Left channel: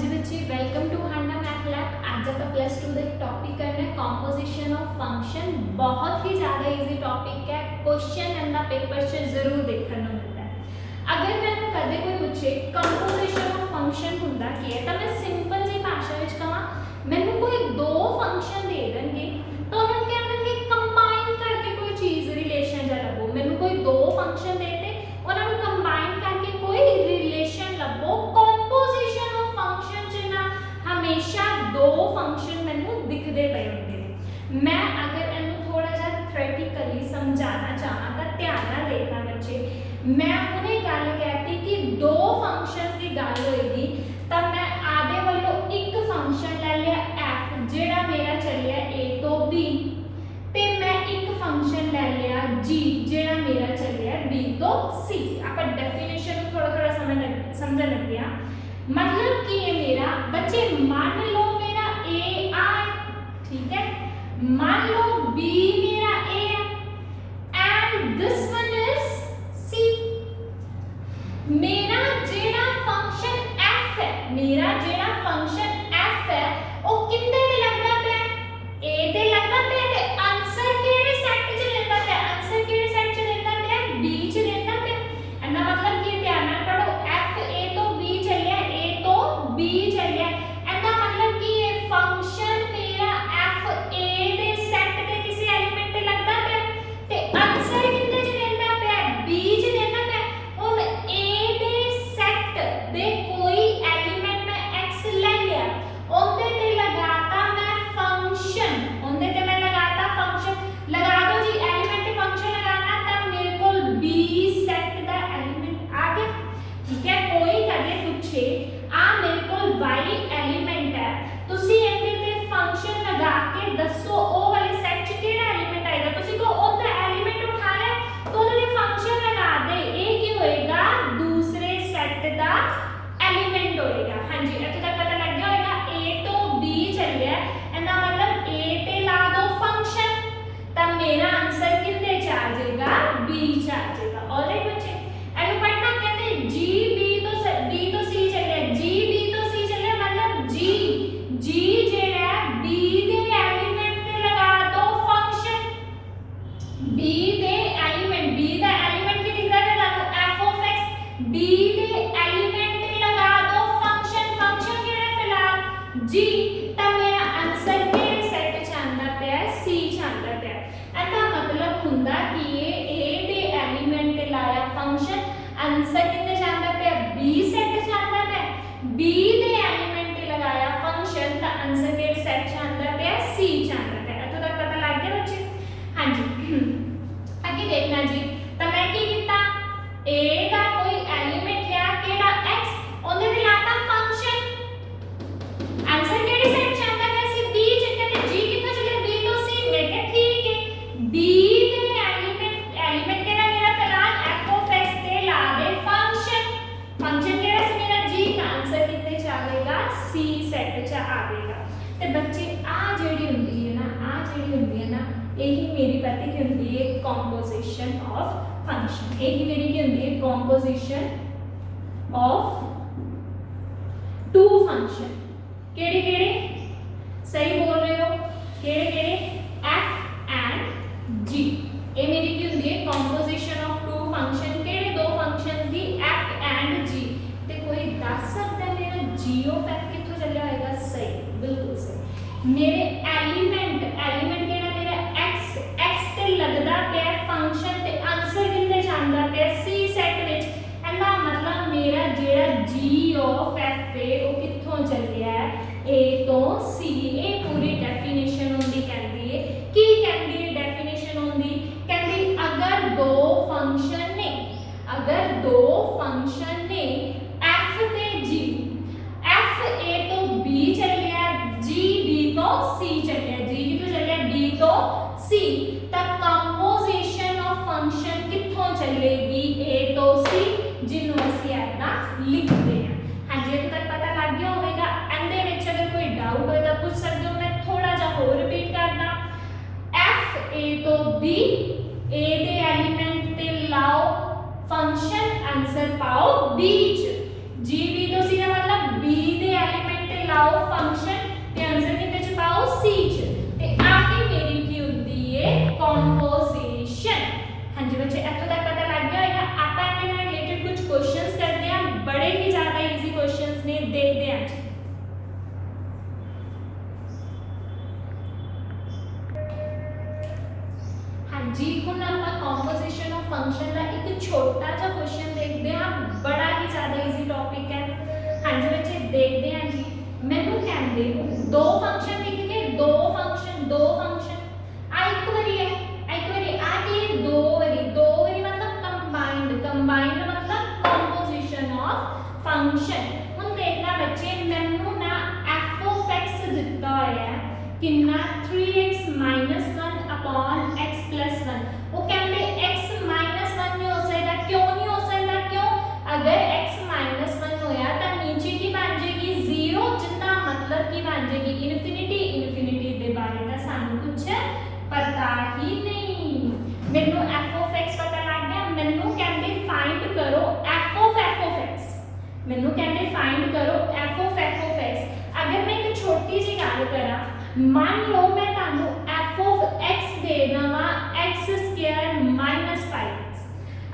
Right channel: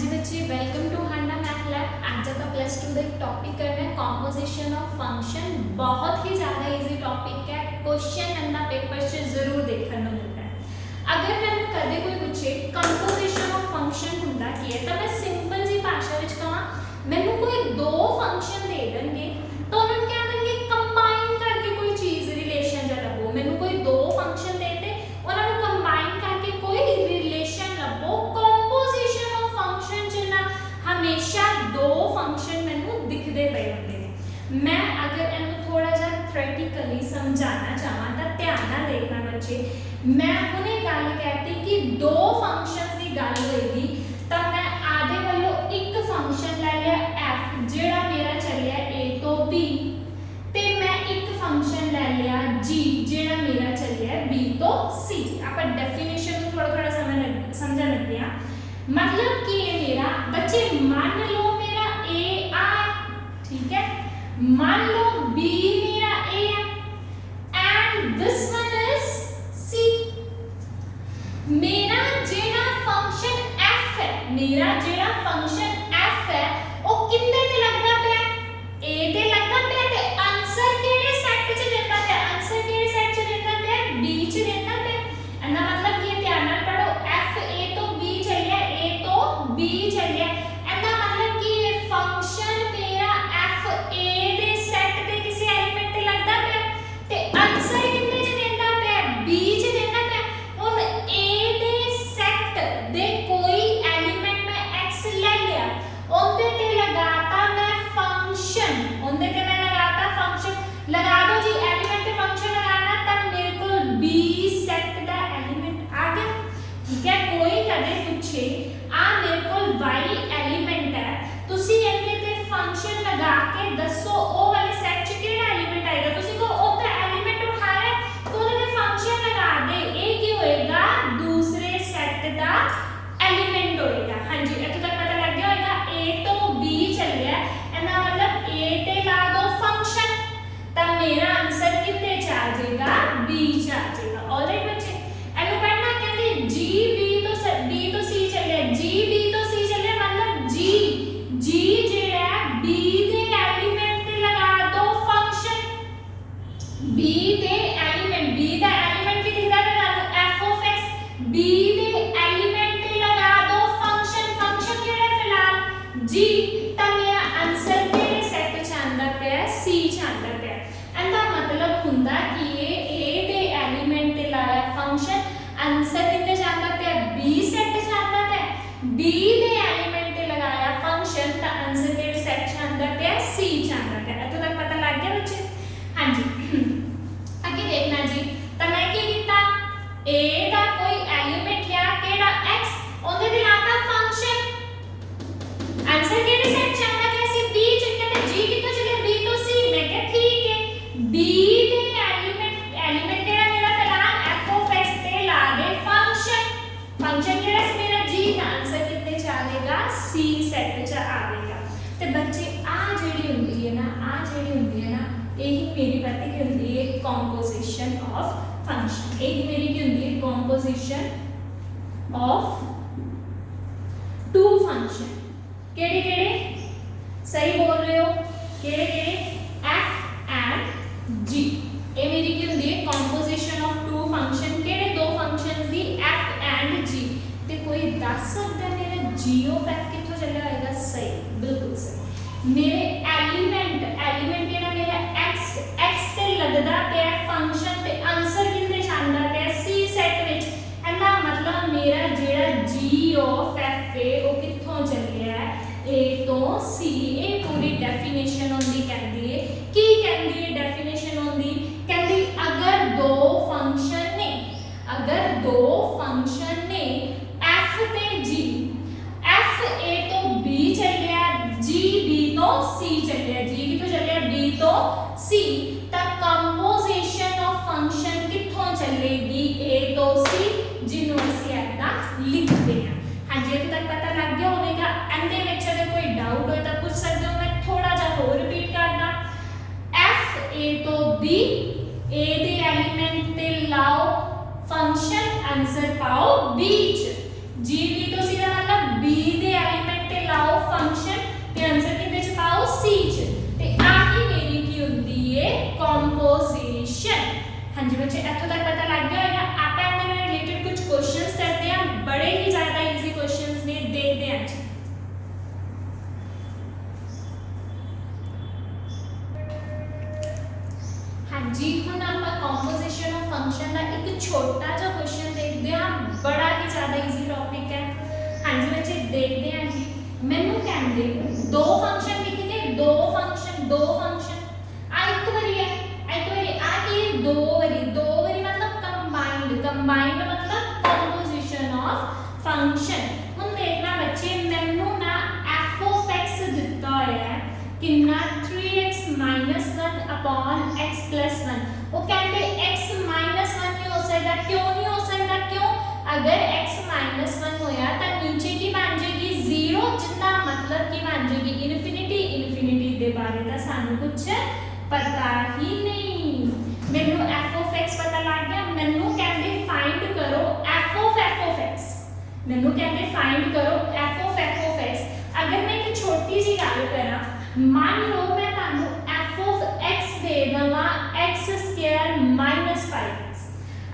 जी बच्चे, welcome to Handa math lab. आज आप प्लस 2 का एक टॉपिक करना है कंपोजिशन ऑफ फंक्शन। बहुत ही ज़्यादा इजी टॉपिक है। क्वेश्चन एंड द पेपर से जरूर देखने को मिलता है। अगर मैंने कदे कोई पूछे कंपोजिशन ऑफ फंक्शन हुंदा की है, तो मैं सिंपल जी भाषा विच कहां मैनू कोई दो फंक्शन दे देंगे तो उन्होंने कह देंगे कंबाइन करके कोई चीज़ रिलेशन जा लभो। मैनू कोई दो फंक्शन देते उन्होंने कंबाइन करके कोई रिलेशन लभो। कंपोजिशन ऑफ फंक्शन च ना हमेशा दो फंक्शन मैनू दिखते पे होंगे ने। मैं अगर इन्हू थोड़ा जा थ्योरेटिकली समझाना चाहां तो ध्यान नाल देखना बच्चे। मैं हुणे गल कहती कि दो फंक्शंस की गल होएगी तो मैं आधे वालों एक फंक्शन ले लिया f जेड़ा मेरा चलिया a तो b, ते मैं एक फंक्शन ले लिया g जेड़ा मेरा चलिया b तो c। आप डेफिनेशन को थोड़ा थोड़ा समझ लग गया। मतलब कि ये मेरा बच्चे मान लो मेरा a I, ठीक है, मान लो b मेरा a and this one is c। मेरा जेड़ा फंक्शन f है, मेरा जेड़ा फंक्शन f है वो किंदे ते लगदा पे a ते लगदा पे ते आंसर केड़े सेट च लेंदा पे, आंसर केड़े सेट च लेंदा पे b च लेंदा पे। एंदा मतलब कि ध्यान नाल पढ़ो f a तो b चलिया, a तो b चलिया। एंदा मतलब कि ये फंक्शन मेरा f a दे सेट ते किसी एलिमेंट ते लगदा पे ते आंसर किंदे च लेंदा पे b च लेंदा पे। हुन a दे सेट दे कोई एलिमेंट मैं x ले लिया, ओंदे ते लगाता मैं फंक्शन, ओंदे ते मैं लगाता फंक्शन। लगा दो जी एलिमेंट ते फंक्शन लगाना तब मेरे को b सेट दा एलिमेंट आ गया। ठीक है, कोई कदे पूछे आ मेरे को y एलिमेंट है, तुसी इहदे ते फंक्शन लगा के दसो ओ वाले सेट च केड़ा एलिमेंट आएगा। तुसी को ओंदा एलिमेंट उठाया तो ओदे फंक्शन लगा दे, ए की होएगा दूसरे सेट दा एलिमेंट होएगा। हां जी, इत्थे तक पता लग गया होएगा। a तो b चलिया, एंदा मतलब a ते ला दो फंक्शन तब मेरा आंसर कितने च आ जाएगा b च आ जाएगा। ऑलराइट बच्चे, एनु पढ़ना कहते g b तो c चलिया, g b तो c चलिया, मतलब g जेड़ा b दे एलिमेंट ते लगा दो फंक्शन। b दे एलिमेंट, b दा एलिमेंट की दिखदा पे लागू f of x, b they element ते लगा दो फंक्शन। फंक्शन केड़ा फिलहाल g, तब मेरा आंसर केड़े सेट च आंदा पे c च आंदा पे। एंदा मतलब हुंदा कि ये a दे एलिमेंट ते लाया फंक्शन, आंसर कितने च आंदा पे b सेट च आंदा पे। b दे एलिमेंट ते लगाया फंक्शन ता आंसर केड़े सेट च आंदा पे c च आंदा पे। इत्थे तक पता लग गया बच्चे। हां जी, आगे देखना जी। तो मैं की कीता a दा कोई एलिमेंट लिया केड़ा x, ओंदे ते लाता फंक्शन, आंसर केड़े सेट च आंदा पे सी b च। कहते g कित्थों चलिया b तो c। मैं कहा ठीक है, b दे एलिमेंट केड़ा मेरा फिलहाल f ऑफ x ते ला दे फंक्शन। फंक्शन केड़ा सी मेरा g, दा आंसर कितने च आवेगा c सेट च आवेगा। ते बच्चे आ जेडी हुंदी है ना, आ जेडी हुंदी है ना, यही मेरी पता की हुंदी है कंपोजिशन ऑफ फंक्शन। यही मेरी की हुंदी है कंपोजिशन ऑफ टू फंक्शन। केड़े केड़े सही बोल रहे हो, केड़े केड़े f एंड g। ये मेरी की हुंदी है कंपोजिशन ऑफ टू फंक्शन। केड़े दो फंक्शंस दी f एंड g। ते कोई दस सकदा है मेरा g ऑफ f कित्थों चलिया होएगा। सही, बिल्कुल सही। मेरे एलिमेंट केड़ा मेरा x ते लगदा पे फंक्शन ते आंसर कितने च आंदा पे c सेट विच। एंदा मतलब मेरा जेड़ा g ऑफ f है वो कित्थों चलिया है a तो c। ये पूरी डेफिनेशन होंदी कहंदी है की कहंदी है डेफिनेशन होंदी कहंदी अगर दो फंक्शन ने, अगर दो फंक्शन ने f ते g, f a तो b चलिया, g b तो c चलिया, g की तो चलिया b तो c, तब कंपोजिशन ऑफ फंक्शन कित्थों चलेगी a तो c, जिन्हों ਅਸੀਂ ऐदा लिखते हैं। हाँ जी, इत्थे तक पता लग गया होगा। एंदे विच अगर कोई डाउट हो तो पूछ सकते हो। मैं थोड़ा जा होर रिपीट करदा। f a तो b, a दे एलिमेंट ते लाओ फंक्शन, आंसर पाओ b च। ਹੁਣ देखना बच्चे मैनू ना f of x दिता होया है कितना 3x minus 1 upon x plus 1 वो कहते x minus 1 नहीं हो सकता क्यों नहीं हो सकता क्यों अगर x minus 1 होया तो नीचे की बन जाएगी 0 जितना मतलब की बन जाएगी इन्फिनिटी इन्फिनिटी दे बारे में सानू कुछ पता ही नहीं मैनू f of x पता लग गया मैनू कहते फाइंड करो f of x मैनू कहते फाइंड करो f of x अगर मैं एक छोटी सी गल करा मान लो मैं तानू f of x दे दवा x square minus 5x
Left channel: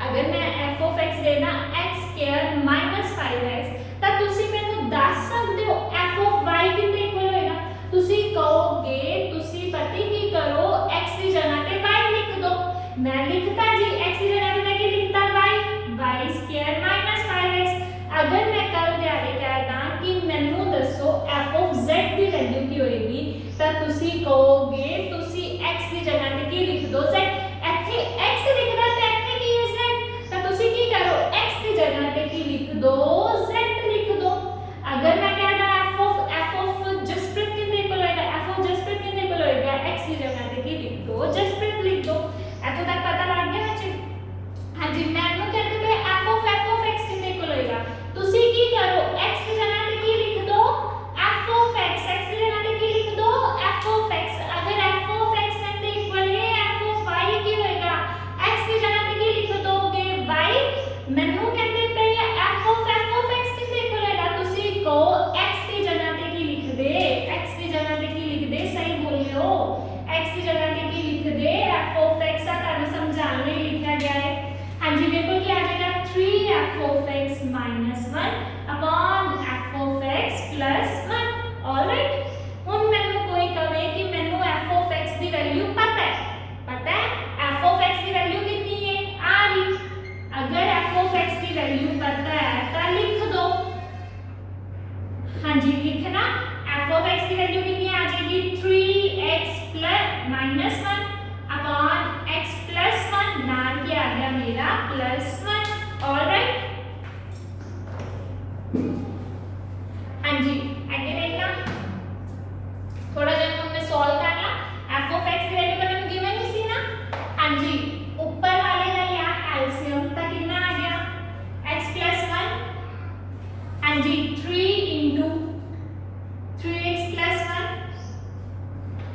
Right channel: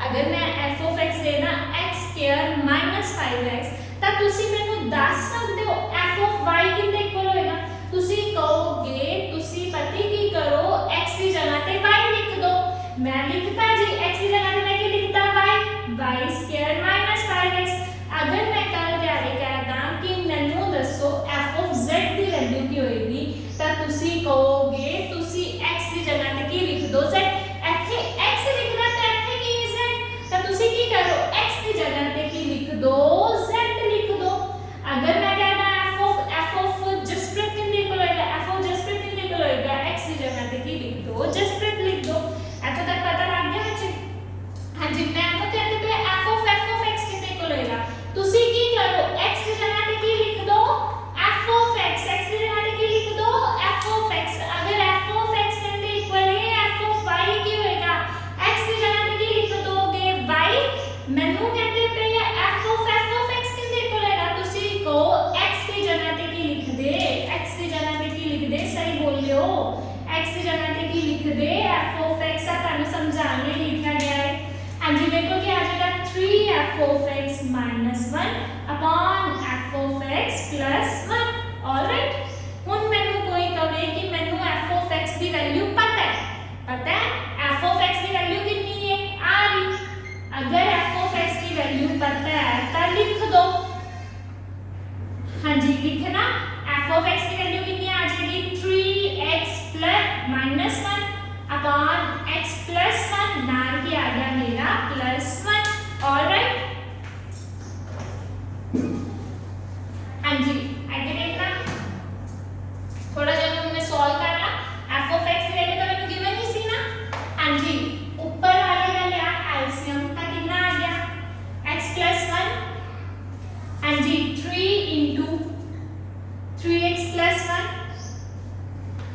अगर मैं f of x देना x square minus 5x ਤਾਂ ਤੁਸੀਂ ਮੈਨੂੰ ਦੱਸ ਸਕਦੇ ਹੋ f of y ਕਿੰਨੇ ਇਕੁਅਲ ਹੋਏਗਾ ਤੁਸੀਂ ਕਹੋਗੇ ਤੁਸੀਂ ਪਤਾ ਕੀ ਕਰੋ x ਦੀ ਜਗ੍ਹਾ ਤੇ y ਲਿਖ ਦੋ मैं लिखता जी x की जगह पे मैं क्या लिखता y square minus 5x अगर मैं कल दिहाड़े कहता कि मैनू दसो f of z की वैल्यू की होएगी तो तुसी कहोगे तुसी x की जगह पे की लिख दो z ਇੱਥੇ x लिखना तो ਇੱਥੇ की है z तो तुसी की करो x की जगह पे की लिख दो z लिख दो अगर मैं कहता f of जसप्रीत कितने इक्वल होएगा f of जसप्रीत कितने इक्वल होएगा x की जगह पे की लिख दो जसप्रीत लिख दो ऐसा तक पता लग गया बच्चे हां जी मैम को कहते थे f of x कितने इक्वल होएगा तुसी की करो x की जगह पे की लिख दो f of x की जगह पे की लिख दो f of x अगर f of x कितने इक्वल है f of y की होएगा x की जगह पे की लिख दोगे y मैनू कहते पे f of x कितने इक्वल होएगा तुसी को x की जगह पे की लिख दे x की जगह पे की लिख दे सही बोल रहे हो x की जगह पे की लिख दे f of x तानु समझाने लिए लिखा गया है हां जी देखो क्या आ जाएगा 3f of x minus 1 upon f of x plus 1 alright हुन मैनू कोई कहे कि मैनू f of x की वैल्यू पता है f of x की वैल्यू कितनी है आ रही अगर f of x की वैल्यू पता है तो लिख दो हां जी लिखना f of x की वैल्यू कितनी आ जाएगी 3x plus minus 1 upon x plus 1 नाम क्या आ गया मेरा plus 1 ऑलराइट हाँ जी आगे देखना थोड़ा जब हमने सॉल्व कर ला f of x की वैल्यू तो मैंने गिवन ही सी ना हाँ जी ऊपर वाले का लिया एलसीएम तो कितना आ गया x plus 1 हाँ जी 3 into 3x plus 1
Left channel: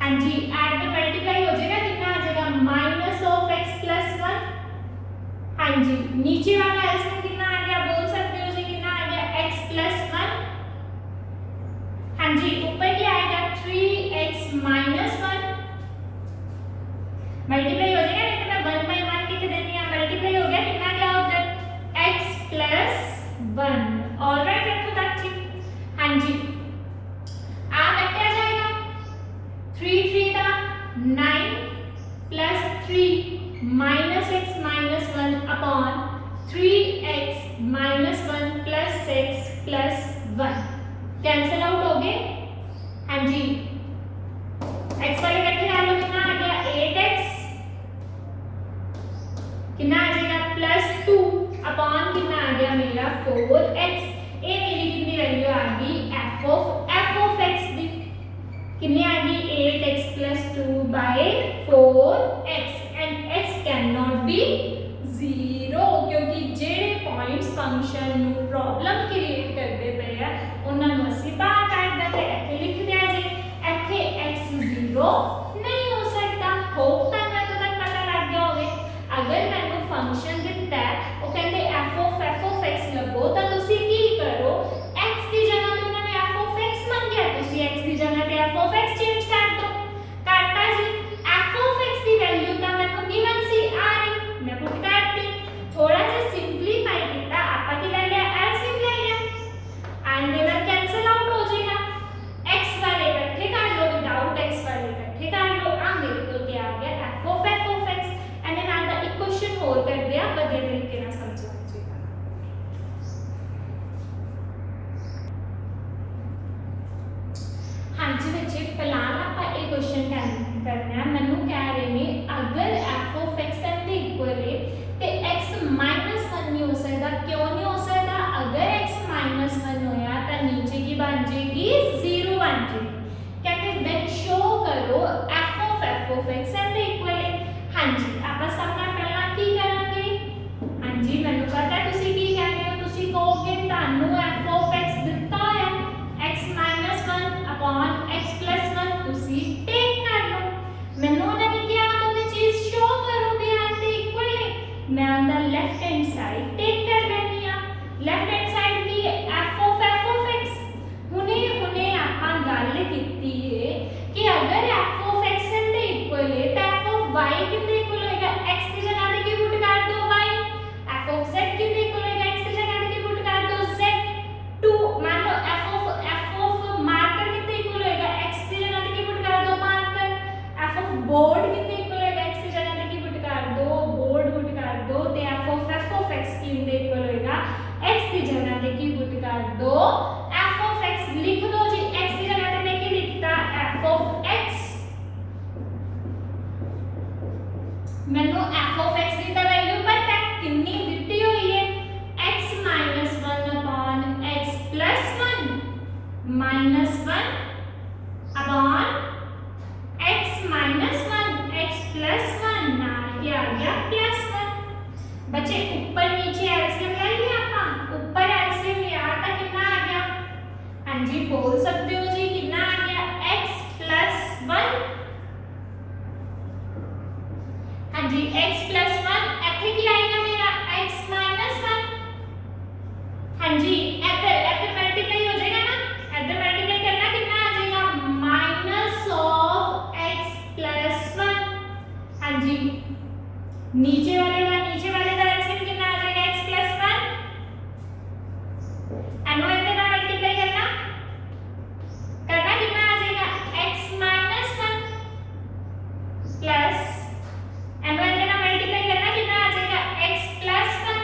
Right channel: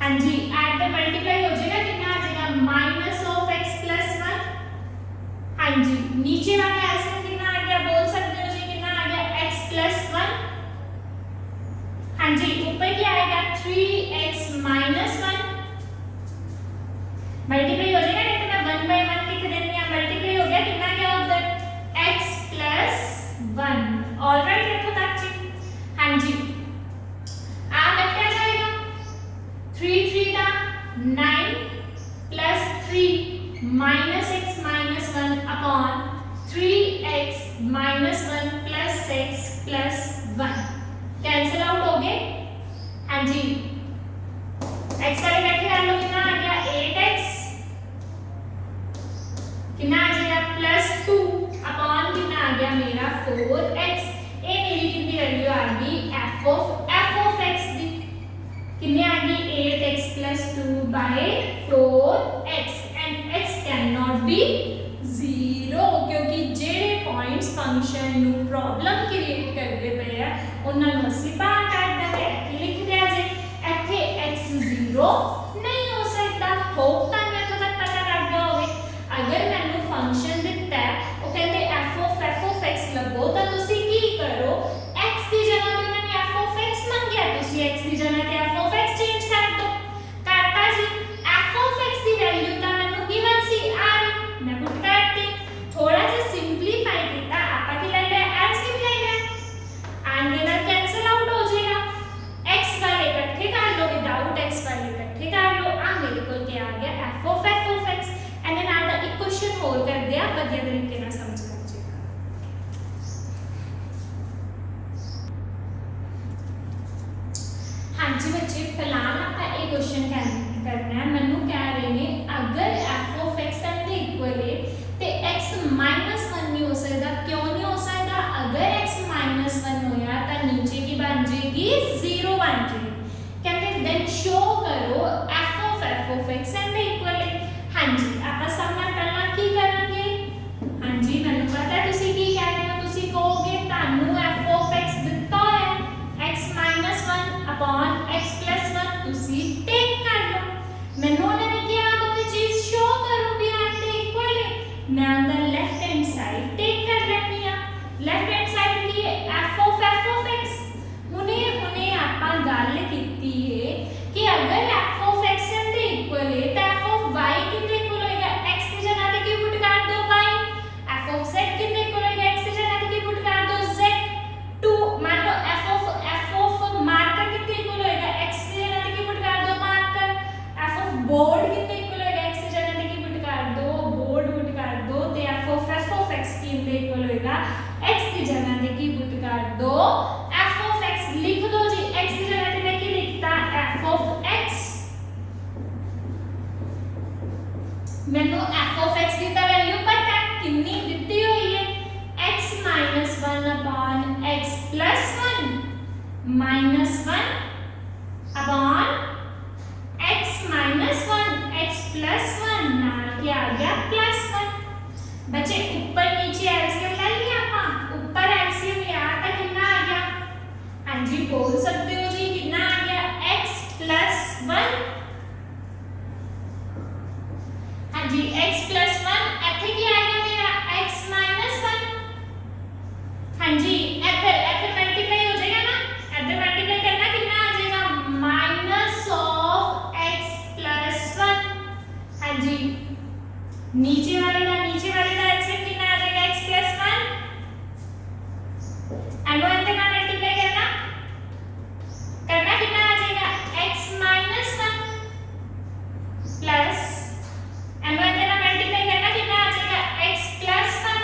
हाँ जी ऐड द मल्टीप्लाई हो जाएगा कितना आ जाएगा माइनस ऑफ x प्लस 1 हाँ जी नीचे वाला एलसीएम कितना आ गया बोल सकते हो जी कितना आ गया x प्लस 1 हाँ जी ऊपर क्या आएगा 3x माइनस 1 मल्टीप्लाई हो जाएगा नहीं तो मैं 1 by 1 लिख देती हूं मल्टीप्लाई हो गया कितना क्या होता है x प्लस 1 ऑलराइट इतना तक जी हाँ जी आ क्या जाएगा 3 3 का 9 plus 3 minus x minus 1 upon 3x minus 1 plus 6 plus 1 cancel out हो गए हाँ जी x वाले इकट्ठे कर लो कितना आ गया 8x कितना आ जाएगा प्लस 2 अपॉन कितना आ गया मेरा 4x ये मेरी कितनी वैल्यू आ गई f of x दी कितनी आ गई 8x plus 2 by 4x and x cannot be 0 क्योंकि जेडे पॉइंट्स फंक्शन नु प्रॉब्लम क्रिएट करते पे है ਉਹਨਾਂ ਨੂੰ ਅਸੀਂ ਬਾਹਰ ਕੱਢ ਦਿੰਦੇ ਇੱਥੇ ਲਿਖ ਦਿਆ ਜੇ ਇੱਥੇ x 0 ਨਹੀਂ ਹੋ ਸਕਦਾ ਹੋਪ ਤਾਂ ਮੈਨੂੰ ਤੱਕ ਪਤਾ ਲੱਗ ਗਿਆ ਹੋਵੇ ਅਗਰ ਮੈਨੂੰ ਫੰਕਸ਼ਨ ਦਿੱਤਾ ਹੈ ਉਹ ਕਹਿੰਦੇ f of x ਲੱਭੋ ਤਾਂ ਤੁਸੀਂ ਕੀ ਕਰੋ x ਦੀ ਜਗ੍ਹਾ ਤੇ ਉਹਨਾਂ ਨੇ f of x ਮੰਗਿਆ ਤੁਸੀਂ x ਦੀ ਜਗ੍ਹਾ ਤੇ f of x ਚੇਂਜ ਕਰ ਦਿਓ ਕਰਤਾ ਜੀ f of x the value ਤਾਂ ਮੈਨੂੰ ਗਿਵਨ ਸੀ ਆ ਰਹੀ ਮੈਂ ਪੁੱਟ ਕਰਤੀ थोड़ा सा सिंपलीफाई किया आपा की ले लिया एलसीएम ले लिया एंड देन कैंसिल आउट हो जाएगा x वाले इकट्ठे कर लो विदाउट x वाले इकट्ठे कर लो आ मेरे को क्या आ गया f of x and then आधा एक क्वेश्चन और कर दिया बदले तरीके से समझ लीजिए हां जी बच्चे फिलहाल आपा एक क्वेश्चन करना है मैनू कह रहे हैं अगर f of x के इक्वल है ते x -1 नहीं हो सकता क्यों नहीं हो सकता अगर x -1 होया लिख दो जी, x की जगह पे मैं क्या लिखता f of x, मैंने f of x की वैल्यू पता है कितनी दी हुई है, x minus 1 upon x plus 1 minus 1 upon x minus 1 x plus 1 नाल क्या आ गया plus 1। बच्चे ऊपर नीचे एलसीएम ले लिया अपन, ऊपर एलसीएम यहाँ तक कितना आ गया, हाँ जी बोल सकते हो जी कितना आ गया x plus 1, हाँ जी x plus 1 ऐसे क्या आएगा मेरा x minus 1, हाँ जी इधर इधर मल्टीप्लाई हो जाएगा ना, इधर मल्टीप्लाई करना कितना आ जाएगा माइनस ऑफ x प्लस 1, हाँ जी नीचे वाले का एलसीएम कितना आ जाएगा x प्लस 1, एंड वन का मल्टीप्लाई करना कितना आ जाएगा x minus 1 plus and one का मल्टीप्लाई करना कितना आ जाएगा x प्लस 1,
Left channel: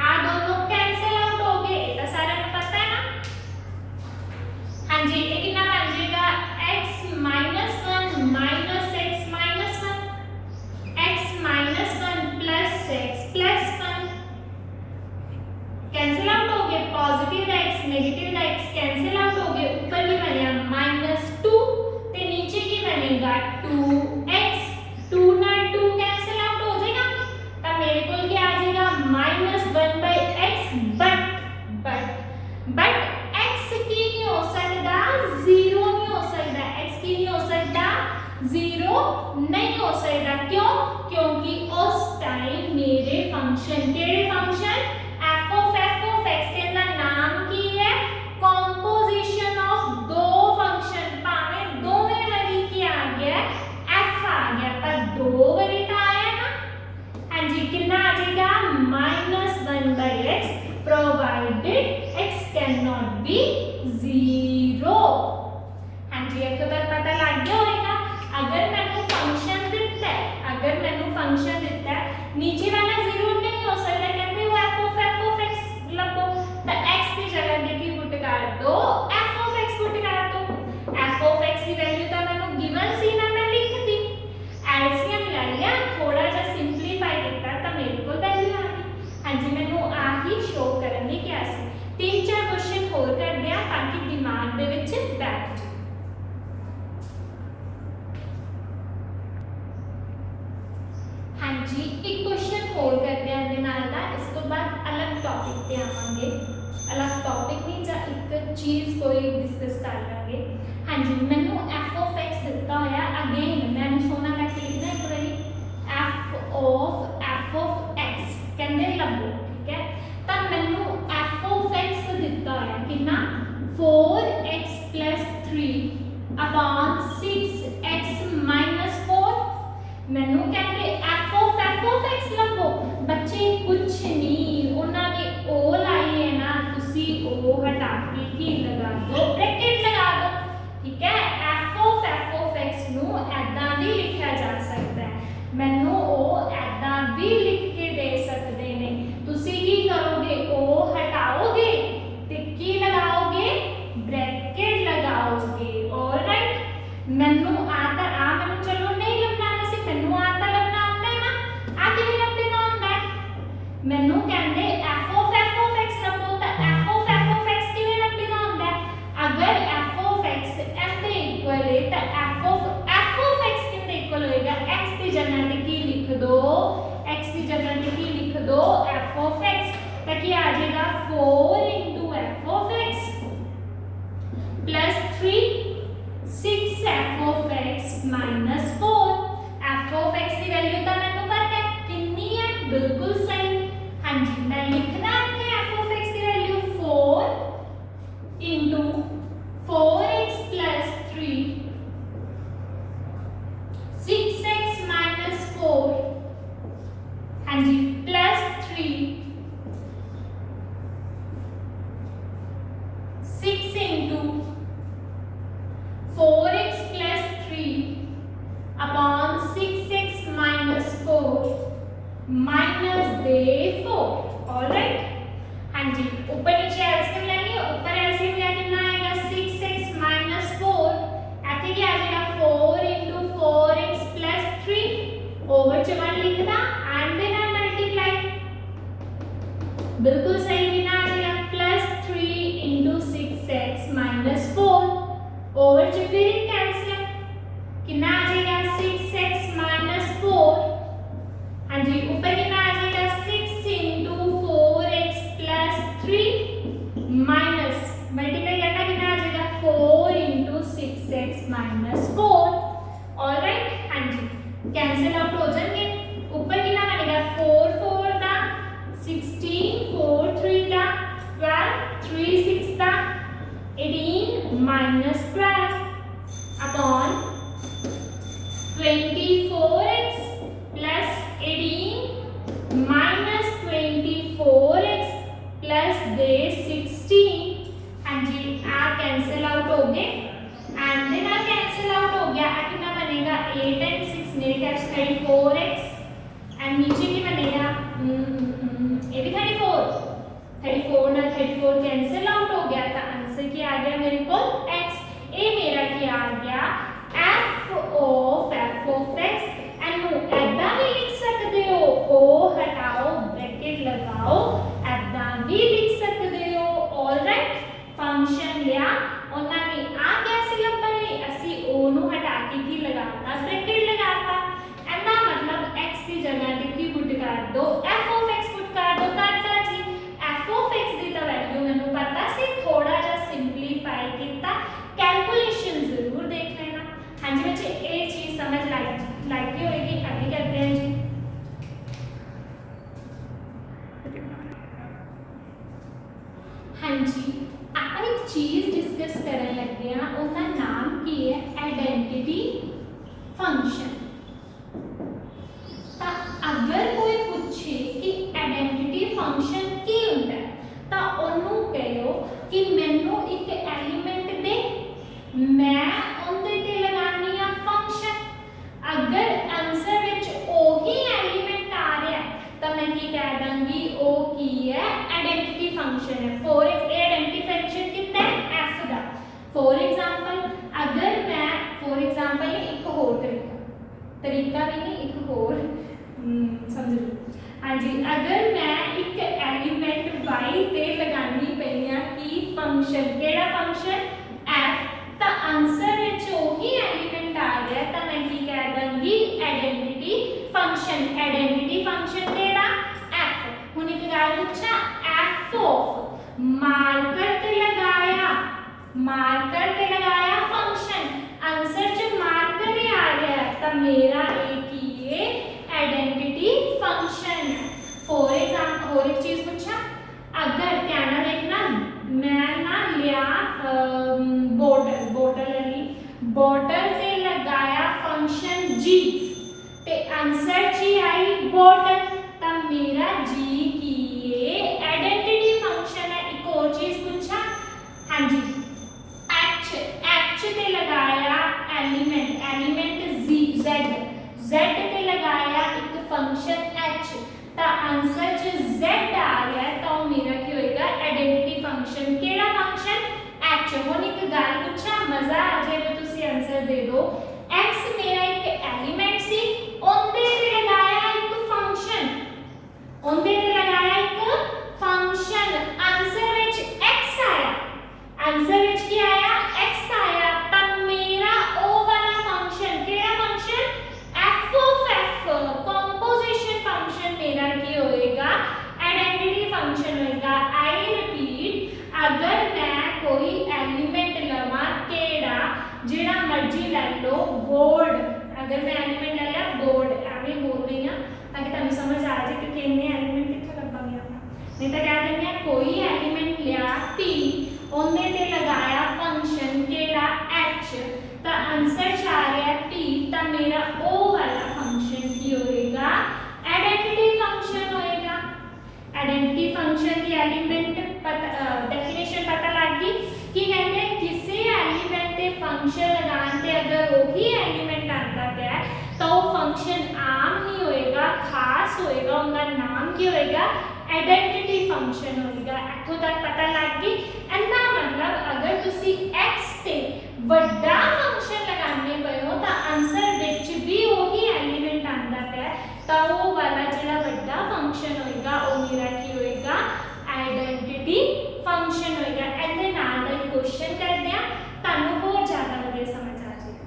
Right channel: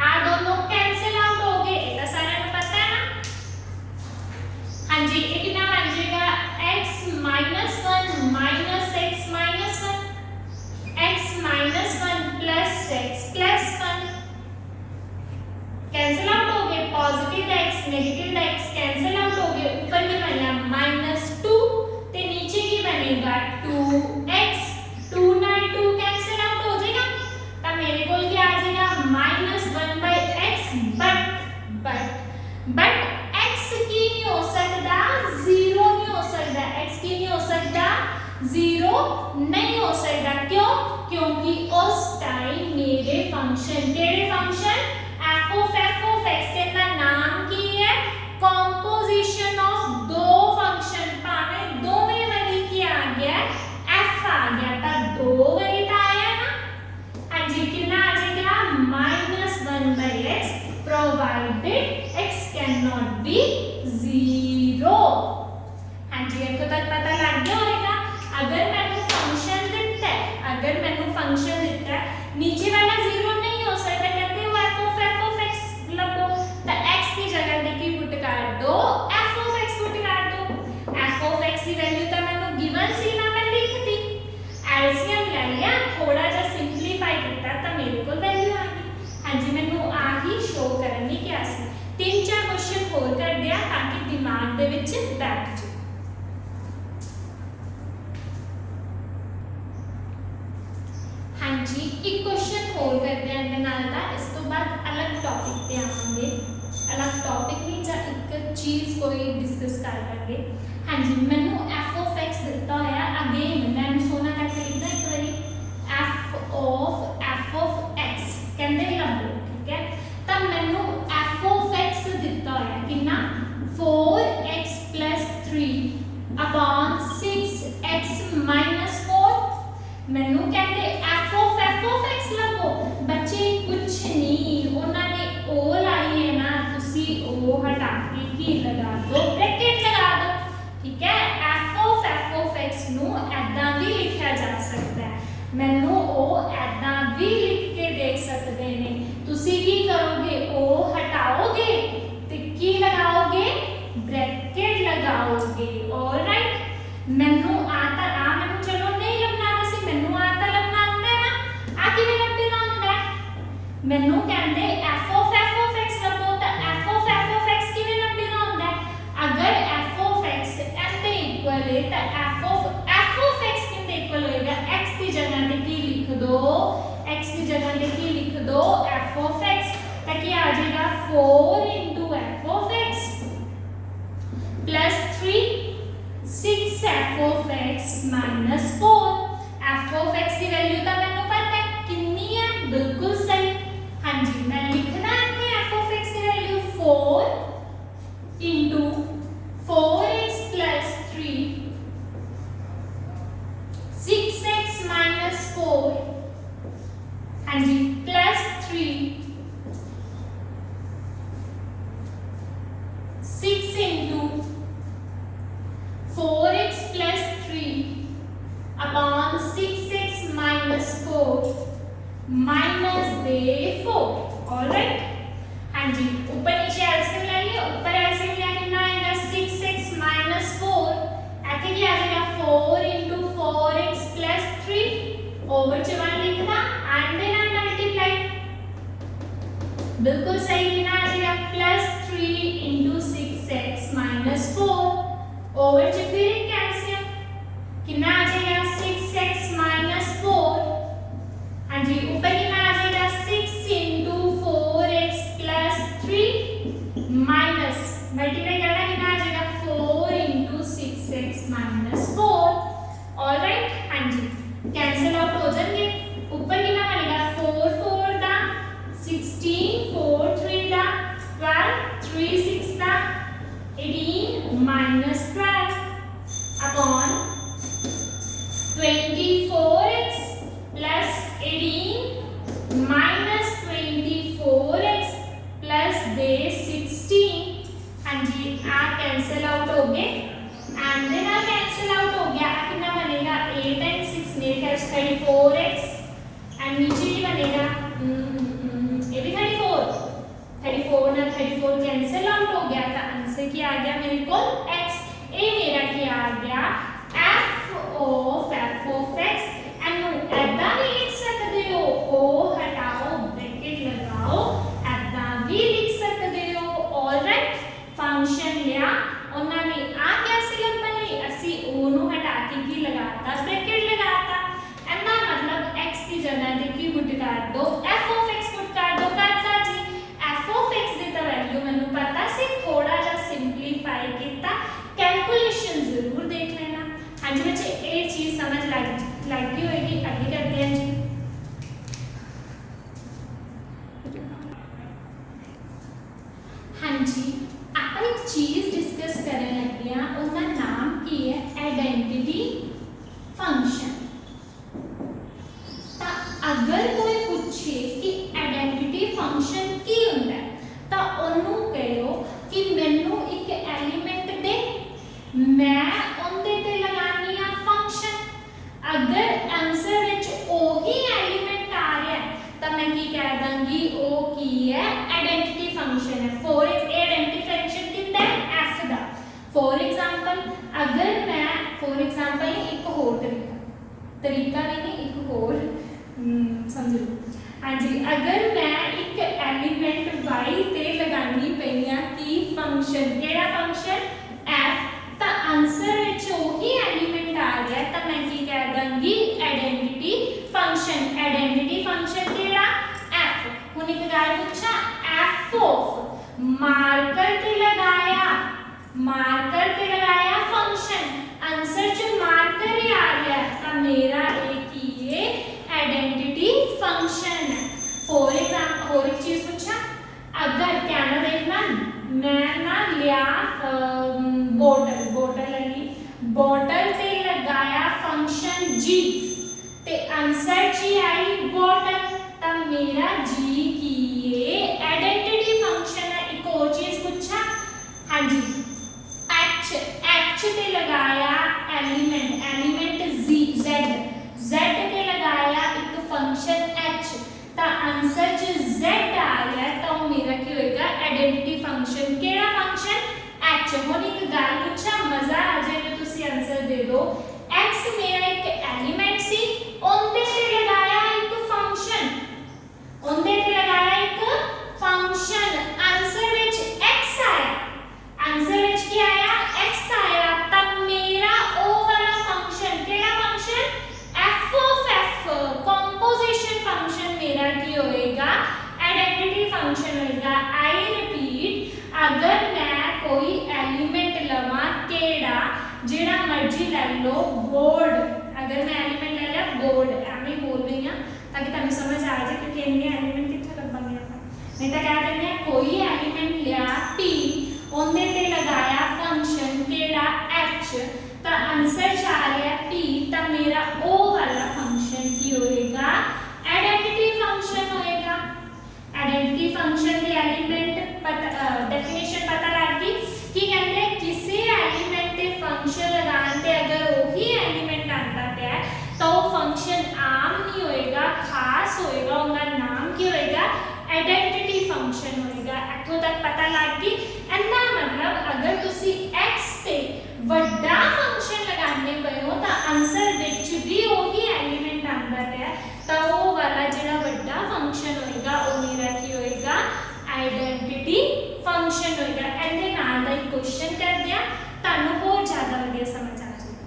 आ दोनों कैंसिल आउट हो गए, ये तो सारे को पता है ना, हाँ जी ये कितना बन जाएगा x minus 1 minus x minus 1 x minus 1 plus x plus 1, cancel out हो गए, positive x negative x cancel out हो गए, ऊपर की बनेगा माइनस 2 ते नीचे की बनेगा 2x, 2 ना 2 कैंसिल आउट हो जाएगा, तब मेरे को क्या आ जाएगा माइनस 1/x, बट x की नहीं हो सकता 0 नहीं हो सकता, x की नहीं हो सकता 0 नहीं हो सकता, क्यों, क्योंकि उस टाइम मेरे फंक्शन केड़े फंक्शन f of x के अंदर नाम की है कॉम्पोजिशन ऑफ दो फंक्शन, पावे दो में वरी की आ गया f आ गया, पर दो वरी तो आया ना, हाँ जी कितना आ जाएगा minus 1/x provided x can not be 0, हाँ जी एक तो पता लग गया होगा, अगर मैंने फंक्शन दिता है, अगर मैंने फंक्शन दिता है नीचे वाला 0 नहीं हो सकता, कहते हो f of x लगो तो x की जगह देखी पुट कर दो f of x पुट कर दो, f of x की वैल्यू तो मैंने गिवन सी ना मैं लिख दी, एलसीएम ले लिया थोड़ा सा सिंपलीफाई किया तो मेरे को वैल्यू आ गई, हाँ जी मैंने आ ही शो करने क्या सी, 3-4 क्वेश्चन होर कर दिया ताकि दिमाग दे विच बैठ जाए। हाँ जी एक क्वेश्चन होर कर दिया दे नाल दा, इस तो बाद अलग टॉपिक पे आवांगे, अलग टॉपिक नहीं जा एक चीज कोई डिस्कस कर लेंगे, हाँ जी मैंने f of x दिता होया, अगेन मैंने सोना करके लिखना एक बारी f of x कहंदे लभो, ठीक है, तब मैंने f of x दिता होया कितना 4x plus 3 upon 6x minus 4, मैंने कहते f of x लभो, बच्चे कुछ नहीं उन्होंने o लाई है ना, तुसी o हटा के की लगा दो ब्रैकेट लगा दो, ठीक है, f of x नु ऐदा भी लिखा जा सकता है, मैंने o ऐदा भी लिख के देख सकते हैं, तुसी की करोगे o हटाओगे ते की लगाओगे ब्रैकेट लगाओगे, ऑलराइट, मैंने आता आ मैंने चलो नहीं लगना सी, मैंने आता लगना आता है ना, आ किवें लगना ਹੁੰਦਾ मैंने कहंदे f of x लभो तो f of x किवें लगना ਹੁੰਦਾ, अगर f of x m ਦੇ इक्वल है तो f of x कितने इक्वल होएगा, x की जगह पे की लिख दो, x की जगह पे की लिख दो f of x, तो क्या आ जाएगा 4 into f of x plus 3 6 f of x minus 4, f of x की वैल्यू तो मैंने पता है कितनी है, बिल्कुल सही, हाँ जी मैं लिखना है f of x की value 4 into 4x plus 3 6x minus 4, हाँ जी plus 3 6 into 4x plus 3 upon 6x minus 4 minus दे 4, ऑलराइट, हाँ जी ऊपर नीचे एलसीएम ले लिया, ऊपर एलसीएम लेके 18 minus 12 upon 24x plus 18 minus 24x plus दे 16। हाँ जी आ कैंसिल आउट हो गए एंड देन आ कैंसिल आउट हो गया। आ कितना बनेगा 8 and 6 मेरे ख्याल से 34x एंड नीचे क्या बनेगा ये भी 34 ना 34 कैंसिल आउट हो गया। तो आंसर क्या आ गया मेरे को x। ये मेरा क्या आ गया f of x एंड ऐदा भी लिख सकते हो o हटाओ ब्रैकेट लगाओ ऐदा भी लिख सकते हो। ऑलराइट फंक्शन लिया उन्होंने आ कैसे लंबा ले असी o नु हटा के की लगाता ब्रैकेट लगाता ऐदा मतलब x की जगह ते की पुट कर दो f of x पुट कर दो करता जी। f of x दी तो वैल्यू मैनू पता सी थोड़ा जा सिंपलीफाई किया कैलकुलेशन जरूर देख लेना। हाँ जी बच्चे ये चीज समझ लगी होगी। अभी करते हैं जी हाँ जी आप एक चीज डिस्कस करने लगे हैं उसका नाम की है आइडेंटिटी फंक्शन। तो अगर कोई पूछे कि आइडेंटिटी फंक्शन की होता है तो उन्होंने कहो कि मैनू एक एलिमेंट दे मैं उनदे ते लगानी आ फंक्शन। अगर आंसर विच ओही एलिमेंट आ रहा है तो मैं की कह दूंगी ओ की है आइडेंटिटी फंक्शन है। फॉर आइडेंटिटी फंक्शन कितना है f दा। फॉर एग्जांपल अगर मैं फॉर एग्जांपल एक होर तरीका भी नहीं एक होर समझ लो। हाँ जी अगर मैं एक एलिमेंट y ते लगानी पई आ की फंक्शन केड़ा फंक्शन f तो आंसर विच ओही एलिमेंट आ गया तो मैं की कह दूंगी आइडेंटिटी फंक्शन। आइडेंटिटी फंक्शन केड़ा f। हुन एक गल पूछा f ऑफ मार्कर ते लगाया फंक्शन आंसर च मार्कर ही आ गया तो मेरा एक ही आइडेंटिटी फंक्शन है। फॉर एग्जांपल और एक चीज पूछा अगर ध्यान देखना मैं ना लिया बोतल ते लगाया फंक्शन g ते आंसर जी आई बोतल तो मेरा g की ये आइडेंटिटी फंक्शन है। एक और चीज पूछा हाँ जी h ते लगाया एलिमेंट z ते लगाया एक फंक्शन h तो आंसर च z आ गया तो मेरा क्या होएगा आइडेंटिटी फंक्शन केड़ा फंक्शन h। हुन एक गल पूछा मजा आ जाए तो तुसी आंसर दे दो x मेरा एक एलिमेंट सी उनदे ते लगाया एक फंक्शन आंसर विच x आया आंसर विच क्या आया x आया तब मेरा ओ वाला फंक्शन केड़ा function f of f composition function मेरा क्या होएगा आइडेंटिटी फंक्शन होएगा। आई रिपीट अगर मैं कोई एलिमेंट लवा केड़ा जेड़ा मर्जी ले लो बोर्ड अगर मैं एलिमेंट ले लिया बोर्ड एवं बोल रही हूं ताकि तुहानू समझ आ जाए कि कितने एलिमेंट किथे लभांगे। नहीं तो कह देंगे कोई एलिमेंट लिया p उनदे ते लगाया फंक्शन केड़ा h तो आंसर च आ रहा है p तो मेरा o वाला फंक्शन की होएगा आइडेंटिटी फंक्शन होएगा। आइडेंटिटी फंक्शन के एलिमेंट डेफिनेशन पता लग गई कि कहते हैं किसी एलिमेंट ते फंक्शन लगाने ते अगर वही एलिमेंट आता है तो वो फंक्शन आम नहीं होएगा खास होएगा उनका नाम क्या होएगा आइडेंटिटी फंक्शन होएगा। इत्थों तक पता लग गई। इनका मतलब अगर तुसी x ते बड़ा फंक्शन लगाने पे हो तो आंसर विच भी वही एलिमेंट आता है तो वो वाला जिहड़ा बड़ा फंक्शन होएगा वो मेरा की होएगा आइडेंटिटी फंक्शन होएगा। इहदे नाल दा एक क्वेश्चन करदे आ तानू होर ज़्यादा वधिया समझ आ जाएगा।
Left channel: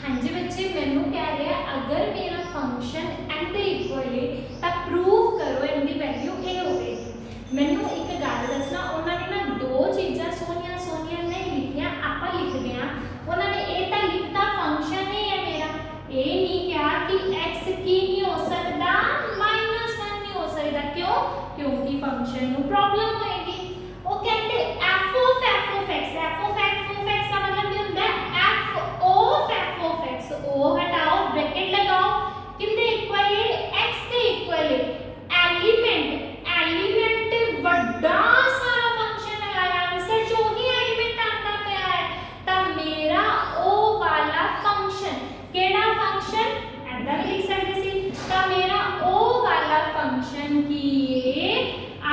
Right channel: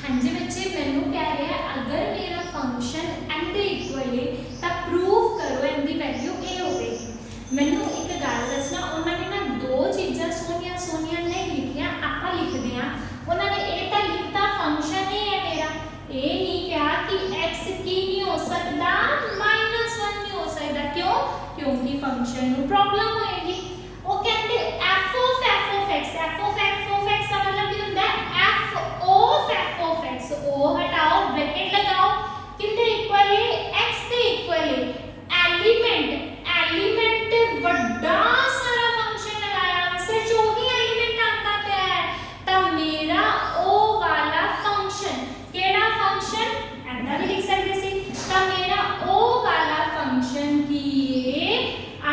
हाँ जी बच्चे मैनू कह रहा है अगर मेरा फंक्शन फंक्शन ਨੂੰ प्रॉब्लम होएगी। ਉਹ ਕਹਿੰਦੇ f of x का मतलब ਕੀ ਹੁੰਦਾ ਹੈ f of x o हटाओ ब्रैकेट लगाओ कितने इक्वल है x के इक्वल है एलिमेंट ਵੱਡਾ ਸਾਰਾ फंक्शन लगाया आंसर जो ही एलिमेंट आता ਪਿਆ है ਤਾਂ मेरा o वाला फंक्शन ਕਿਹੜਾ फंक्शन ऐसा भी लिख सकते सी ਤਾਂ मेरा o वाला फंक्शन की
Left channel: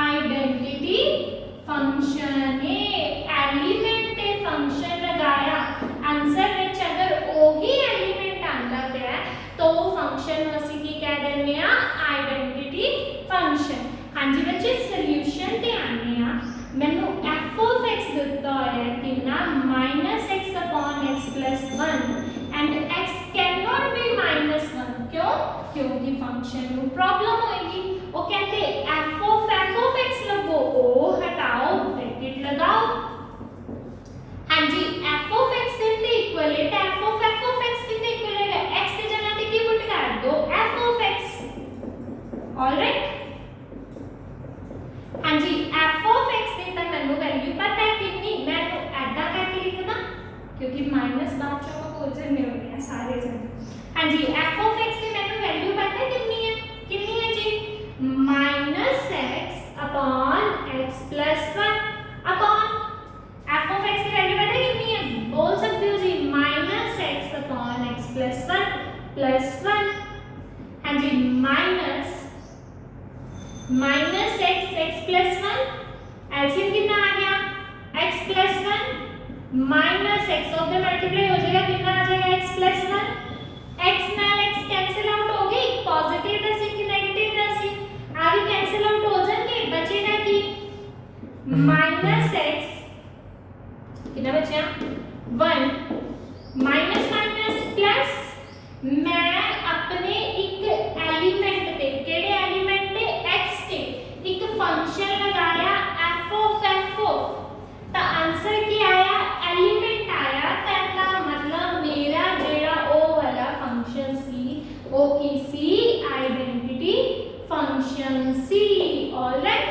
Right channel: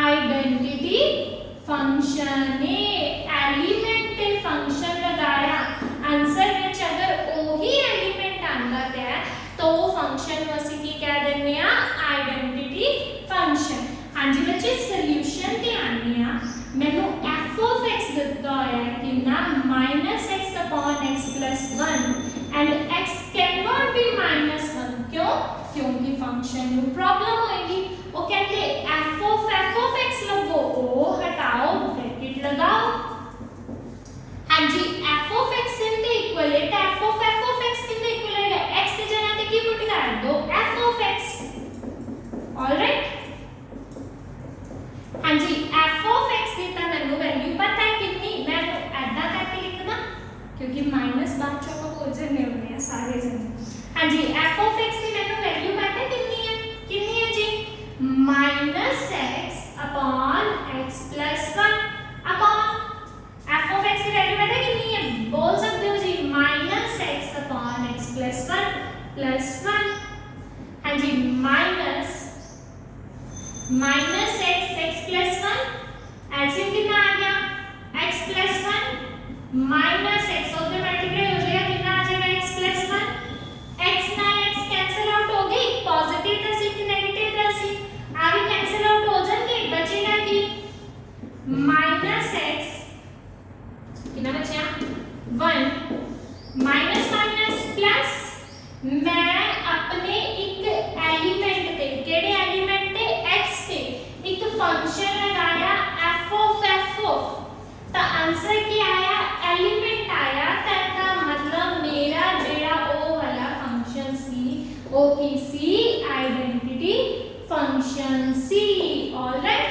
आइडेंटिटी फंक्शन है एलिमेंट ते फंक्शन लगाया आंसर विच अगर ओही एलिमेंट आंदा है तो वो फंक्शन ਨੂੰ ਅਸੀਂ ਕੀ ਕਹਿ ਦਿੰਦੇ ਆ आइडेंटिटी फंक्शन। हाँ जी बच्चे सॉल्यूशन ते आने आ मैंने f of x ਦਿੱਤਾ ਹੋਇਆ ਕਿੰਨਾ -x/x + 1 and x cannot be -1 क्यों क्योंकि फंक्शन ਨੂੰ प्रॉब्लम होएगी। वो कहते f of x लगो o हटाओ ब्रैकेट लगाओ। हाँ जी f of x कितने इक्वल है तो f of x कितने इक्वल है x की जगह पे की पुट कर दो f of x ऑलराइट। हाँ जी f of x की तो मैंने वैल्यू पता है कितनी मैं ऐसा करके लिखना क्योंकि माइनस बाद चो को हो जाने होंगे सारे जने। हाँ जी f of x की मैंने वैल्यू पता है कितनी है जी -x/x + 1 upon f of x की वैल्यू पता है कितनी है बोल सकते हो जी -x/x + 1 हाँ जी -x + 1 एलसीएम कितना आ गया x + 1 -x और फिर मल्टीप्लाई हो जाएगा कितना आ जाएगा x + 1 x नाल x कैंसिल आउट हो गई पॉजिटिव राशि की नेगेटिव राशि आ भी कैंसिल आउट हो जाएंगे बचेगा कि -x कितना बचा 1 माइनस प्लस मैं अपने एक एलिमेंट पे केड़े एलिमेंट पे x पे एक फंक्शन लगाया f of तो आंसर क्या आया एलिमेंट आया तो मतलब मेरा जेड़ा ओ वाला फंक्शन सी ओ किसी आइडेंटिटी फंक्शन सी ऑलराइट।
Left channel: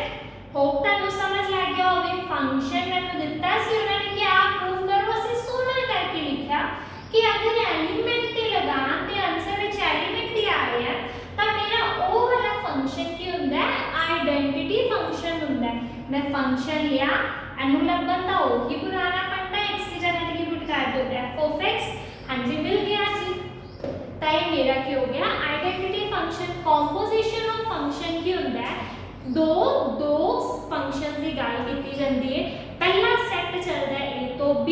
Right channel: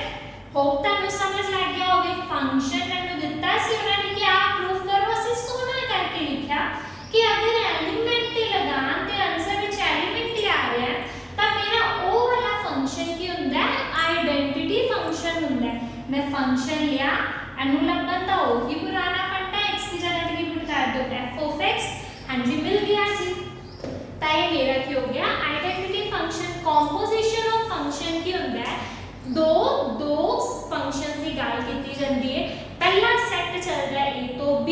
होप तक समझ लग गया होगी फंक्शन मैंने दिता सी उन्होंने क्या प्रूव करो ਅਸੀਂ सोना करके लिखा कि अगर एलिमेंट ते लगान ते आंसर विच एलिमेंट ही आ रहा है तो मेरा ओ वाला फंक्शन की हुंदा है आइडेंटिटी फंक्शन हुंदा है। मैं फंक्शन लिया एनु लबन दा ओही पुराना फंडा x की जगह की पुट कर दो f of x हां जी मिल गया जी तो ये मेरा क्या हो गया identity function. Composition of function की हुंदा है दो फंक्शन की गल की जाती है पहला सैट चलता है a तो b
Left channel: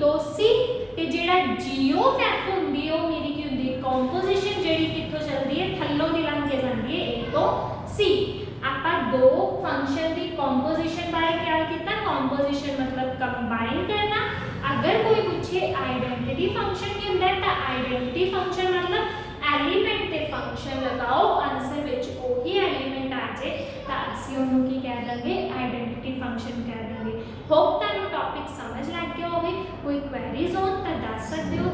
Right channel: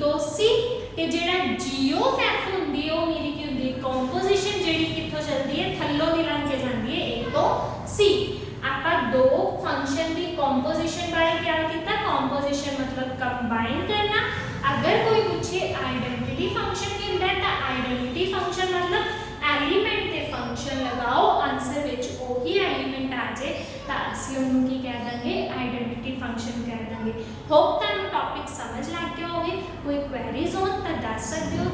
तो c ते जेड़ा g of f हुंदी है वो मेरी की हुंदी है कंपोजिशन जेड़ी कित्थों चलदी है थल्लों दी लंघ के जांदी है a तो c। आपा दो फंक्शन की कंपोजिशन बारे क्या किया कंपोजिशन मतलब कंबाइन करना। अगर कोई पूछे आइडेंटिटी फंक्शन की हुंदा है तो आइडेंटिटी फंक्शन मतलब एलिमेंट ते फंक्शन लगाओ आंसर विच ओही एलिमेंट आ जाए तो ਅਸੀਂ ਉਹਨੂੰ ਕੀ ਕਹਿ ਦਾਂਗੇ ਆਈਡੈਂਟੀਟੀ ਫੰਕਸ਼ਨ ਕਹਿ ਦਾਂਗੇ। ਹੋਪ ਤੁਹਾਨੂੰ ਟੌਪਿਕ ਸਮਝ ਲੱਗ ਗਿਆ ਹੋਵੇ। ਕੋਈ ਕੁਐਰੀਜ਼ ਹੋਣ ਤਾਂ ਦੱਸ ਸਕਦੇ ਹੋ